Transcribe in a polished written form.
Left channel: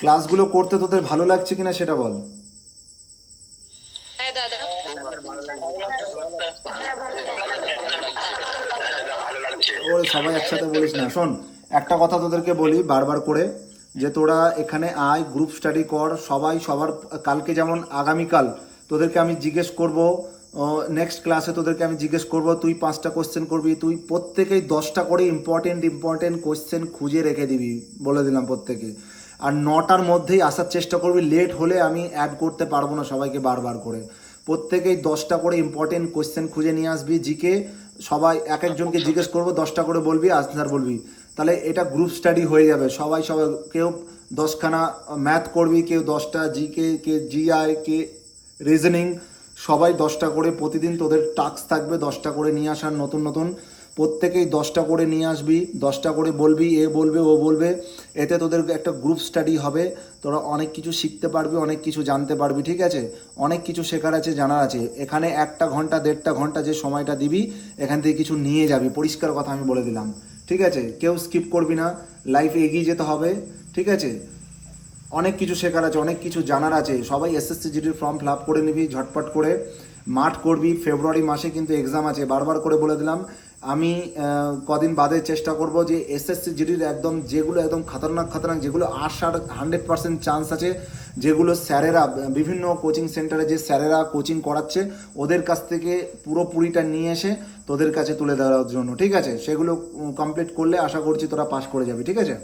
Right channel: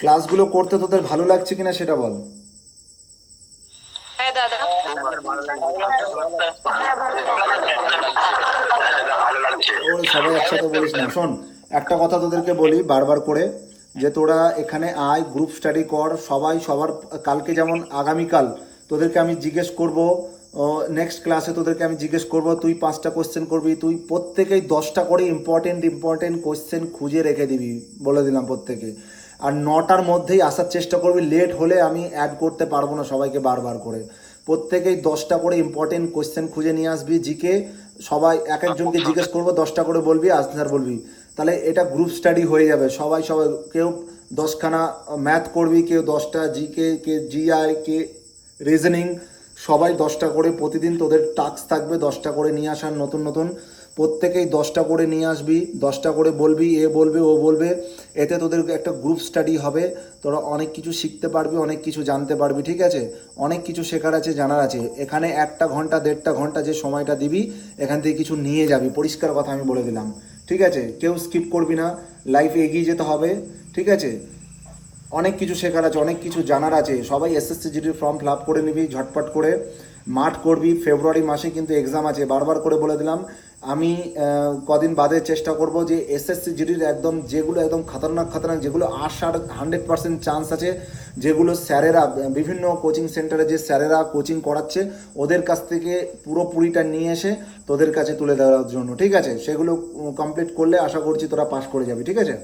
ক্লাসগুলো করতে তোদের ভালো লাগছে কিনা সেটা বল। হ্যাঁ দাদা। ওই সবাই একসাথে বলিস না, শোন একটা কথা তোদেরকে বলি বারবার করে, যে তোরা এখানে আয়, গ্রুপ স্টাডি কর, সবাই সবার। কালকে যেমন আগামীকাল তোদেরকে আমি জিজ্ঞেস করব, নেক্সট ক্লাসে তোদেরকে আমি জিজ্ঞেস করব, তুই 5টা কোশ্চেন করবি, তুই প্রত্যেকেই 10টা করে ইম্পর্টেন্ট ইম্পর্টেন্ট কোশ্চেন খুঁজে রেখে দিবি, বলে দিলাম প্রত্যেকে। আর 9টার মধ্যেই আসার চেষ্টা করবি, লেট হলে আমি অ্যাড করতে পারবো না সবাইকে বারবার করে। প্রত্যেকেই 10টা করে ইম্পর্টেন্ট কোশ্চেন খুঁজে নিয়ে আসবি, জিকে সবাই এক একজনকে জিজ্ঞেস করবো, 10টা করে বলবি, আনসার বলবি। তাহলে এটা গ্রুপ স্টাডি হয়ে যাবে, সবাই সবাই কেউ 10খানা ম্যাথ করবি, কেউ 10টা জিকে, কে জিআই, কে রিজনিং, সবাই 10টা করে প্রতিদিন তোদের টাস্ক থাকবে, 10টা করে নিয়ে আসার নতুন নতুন। প্রত্যেকেই 10টা করে নিয়ে আসবি, 10টা করে বলবি, এ বলবে ও বলবে, এতে তোদের একটা গ্রুপ স্টাডি হবে। তোরা অনেক কিছু শিখতে পারবি, অনেক কিছু জানতে পারবি, ঠিক আছে? অনেক কিছু শেখার আছে, জানার আছে। এখানে 1 ঘন্টা 1.5 ঘন্টা যে সময়টা দিবি, এখান থেকে কিছু নিয়ে যাবি, পরিষ্কার কথা আমি বলে দিলাম, ঠিক আছে? কেউ স্কিপ করবি না, লাইফে এগিয়ে যেতে হবে, ঠিক আছে? অনেক কিছু শেখার আছে, অনেক কিছু জানার আছে। সবাই এসএসসি জিডির ফর্ম ফিল আপ করে নিবি ঝটপট করে, মাঠ করবি। ফেব্রুয়ারি মাসে কিন্তু এক্সাম আছে, বারবার করে বলে দিলাম। আমি কদিন বাদে চেষ্টা করব যে এসএসসি জিডির একদম যেগুলো একদম খতরনাক খতরনাক, যেগুলো আসার 100% চান্স আছে, যেগুলো স্যারেরা বিভিন্ন কোচিং সেন্টারে যে স্যারেরা কোচিং করাচ্ছে, ওদের কাছ থেকে পুরোপুরিটা নিয়ে এসে তোদের কাছে তুলে দেওয়ার জন্য, ঠিক আছে? সেগুলো কমপ্লিট করলে আশা করছি তোরা পাস করে যাবি, ঠিক আছে?